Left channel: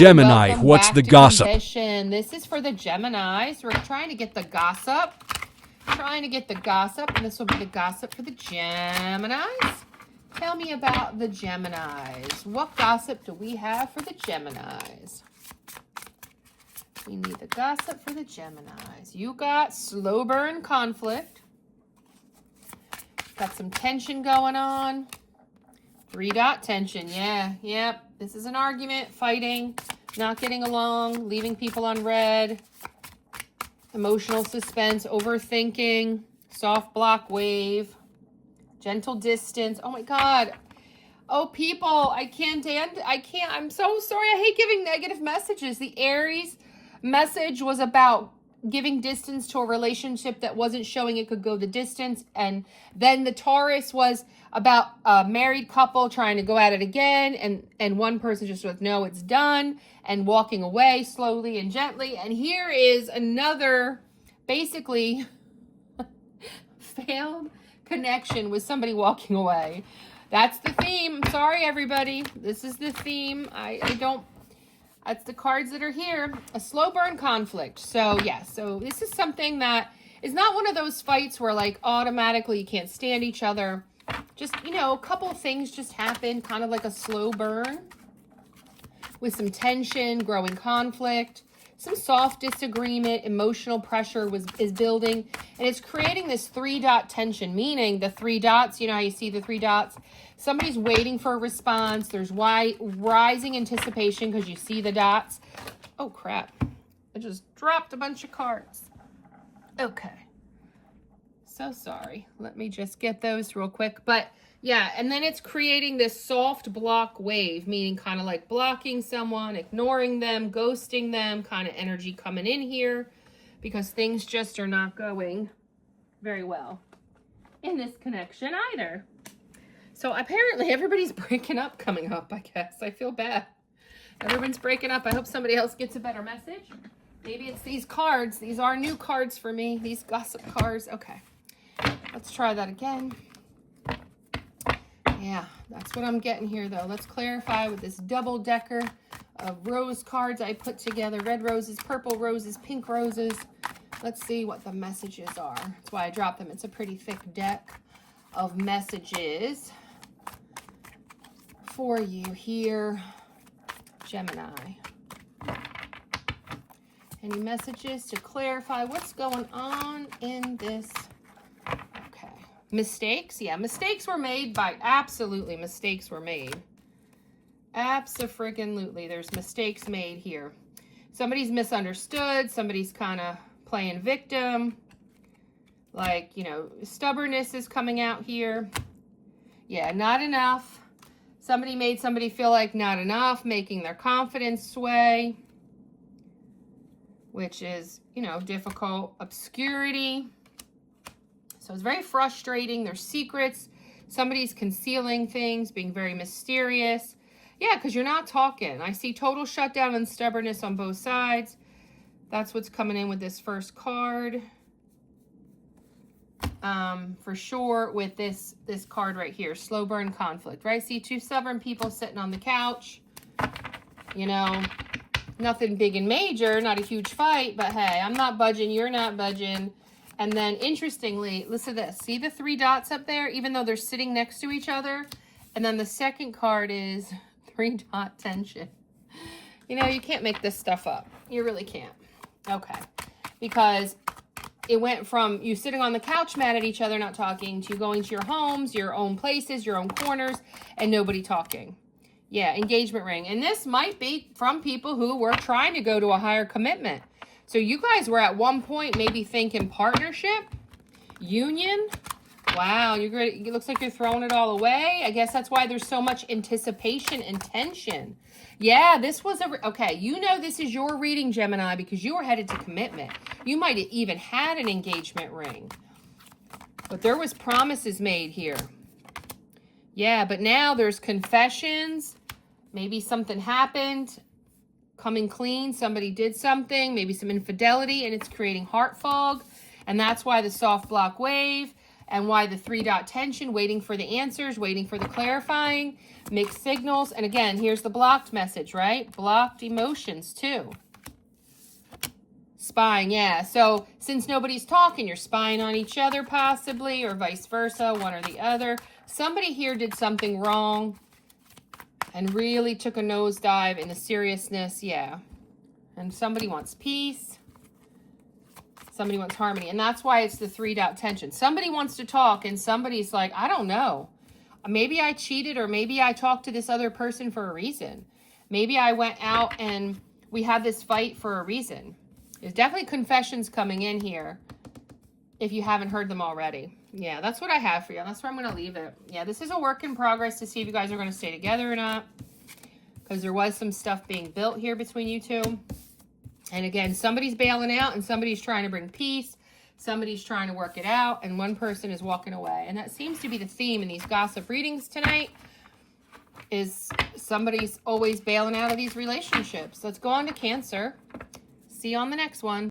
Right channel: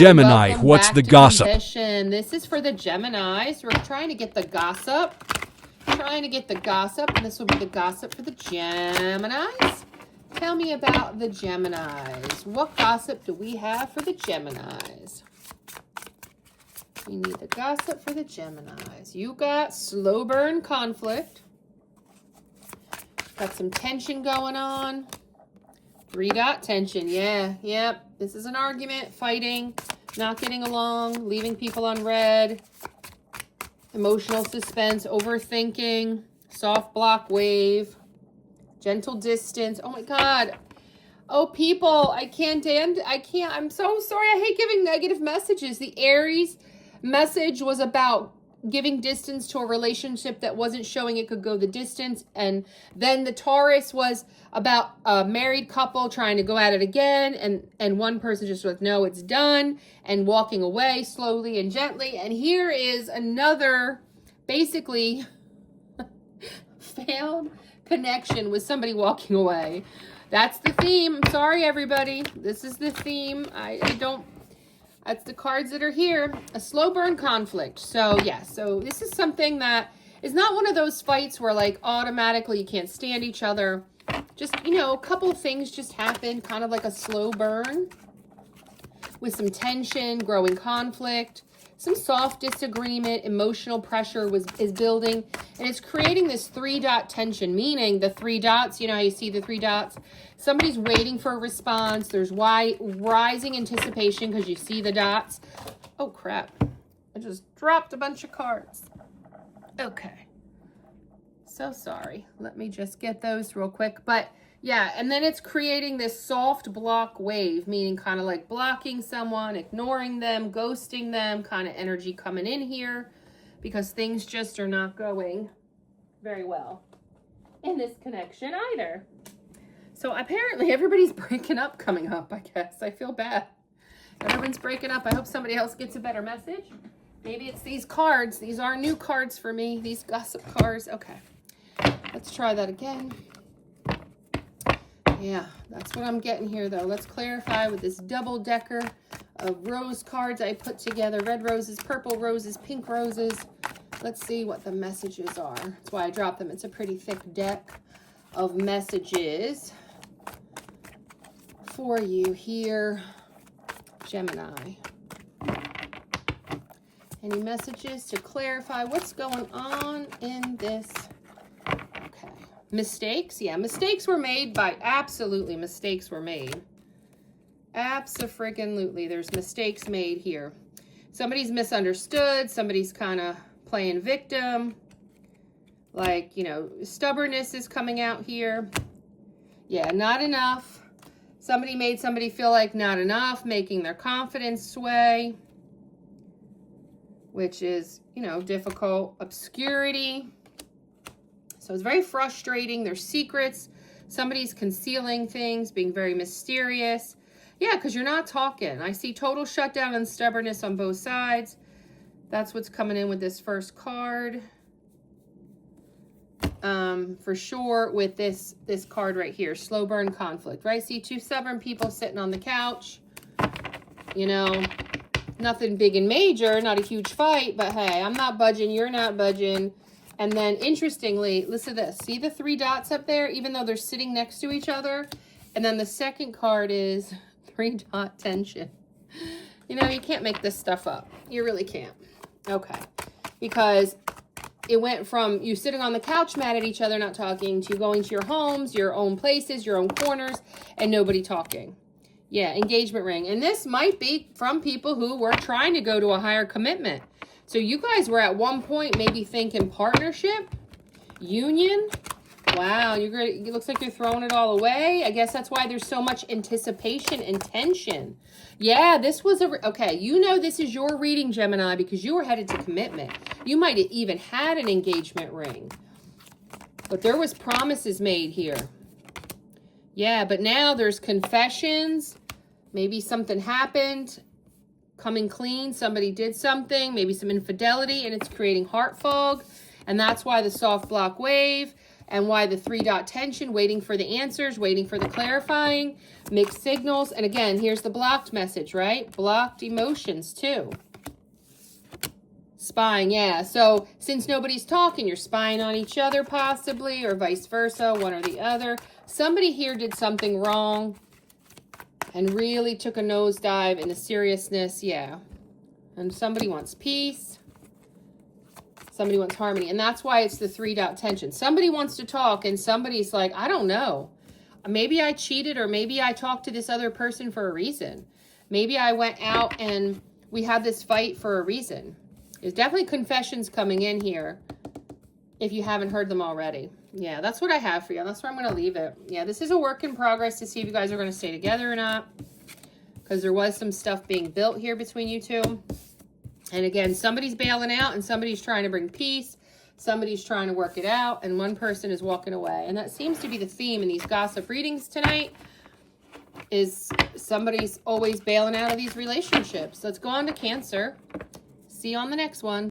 Gemini, what's the gossip? Kimbition. This is for the Geminis. We're trying to get the gossip. And this will be the gossip for the Geminis. Tell me about the Geminis. What gossip do we have for the Geminis? We need the gossip for the Geminis. You got slow burn conflict. Got some tension going on. 3-dot tension. Yeah. This is an argument, fighting, not getting along, leaving people on red. Emotional suspense, overthinking, soft block wave, gentle distance. Oh my God. Oh, people, I'm so sorry. I hate giving negative messages. The Aries message was about giving distance to a relationship that wasn't showing it could go the distance. And then the Taurus was about a married couple trying to go at it again. And one person just was, no, it's done, and walking away slowly and gently. And here is another basically failed connection with somebody walking away. That's the theme. I'm sorry, everybody. This is the theme. That's the cards that are here. A slow burn conflict. So, yeah. So, this is something that is not one of those fights where, like, automatically you can't stand each other. Just, a couple things just happen. Kind of like a slow burn with some tension, growing conflict, some soft disagreement, emotional pressure is building. And it's creating this 3-dot tension, meaning the 3 dots, how you see the 3 dots? Somebody's waiting for a response. There's rising anticipation because you see the dots. Oh, crap. I just dropped a bunch of cards. Okay. So sorry. Let me just get those real quick. But, yeah, and then it's creating this soft block wave, meaning kind of like blocking someone, ignoring them, ghosting them, kind of energy coming in here because things just are not going very well in this connection either. So apparently everybody's breaking up coming up, I guess. I feel bad. Everyone's breaking up. I hope somebody else gets a better message. Maybe it's these cards. These are new cards for me, these gossip cards. Okay, let's try that again. Yeah, that's what I'm getting here, though. Let's clarify with this double-decker of rose cards I put together. Red roses, purple roses, pink roses. Let's see what the messages are. That's why I dropped them. It's a pretty thick deck of messages for you here, Gemini. Any messages to clarify what's going on in this? Okay. Mistakes? Yeah, mistakes were made absolutely mistakes were made. Abso-freaking-lutely. There's mistakes made here. Somebody's misunderstood. Somebody's kind of playing victim. Like, stubbornness is coming out here. Yeah, not enough. Somebody made somebody feel like not enough, making their confidence sway, which is, difficult. Obscurity. So it's very frustrating. There's secrets. Somebody's concealing things, being very mysterious. Yeah, because you're not talking. I see total shutdown and stubbornness on both sides. That's what's coming in with this first card. For sure with this card right here, slow burn conflict, right? See 2 stubborn people sitting on the couch, nothing big and major, not a huge fight, but hey, I'm not budging, you're not budging. And then interestingly, listen to this, see the 3 dots up there, even though they're sitting next to each other. And then the second card is 3-dot tension. You can't make this stuff up. You really can't. Okay. Because it went from you sitting on the couch mad at each other, not talking, to going to your homes, your own places, your own corners, and nobody talking. Yeah, engagement ring. And this might be from people who were trying to go to a higher commitment. So you guys were at one point maybe thinking partnership, union. Wow, it looks like you're throwing it all away. I guess that's why there's so much anticipation and tension. Yeah, this was okay, this is your reading, Gemini, because you were headed to commitment. You might have even had an engagement ring. But there was promises made here. Yeah, but now there's confessions. Maybe something happened. Coming clean. Somebody did something. Maybe some infidelity, and it's creating heart fog. And that's why the soft block wave. and why the 3-dot tension, waiting for the answers, waiting for the clarifying, mixed signals. And again, here's the blocked message, right? Blocked emotions too. Spying, yeah. So since nobody's talking, you're spying on each other possibly, or vice versa, one or the other. Somebody here did something wrong and really took a nosedive into seriousness, yeah. And somebody wants peace. Somebody wants harmony. And that's why it's the 3-dot tension. Somebody wants to talk and somebody's like, I don't know. Maybe I cheated, or maybe I talked to this other person for a reason. Maybe I went out and we had this fight for a reason. There's definitely confessions coming in here if you haven't heard them already. Yeah, that's what I have for you. That's where I'm going to leave it. Yeah, this is a work in progress to see if you guys are going to stay together or not, because there was some stuff being built here between you two. And again, somebody's bailing out and somebody's trying to bring peace. Somebody's trying to work it out, and one person is walking away. And that seems to be the theme in these gossip readings tonight, is somebody's always bailing out of these relationships. Let's go on to Cancer. See you on the next one.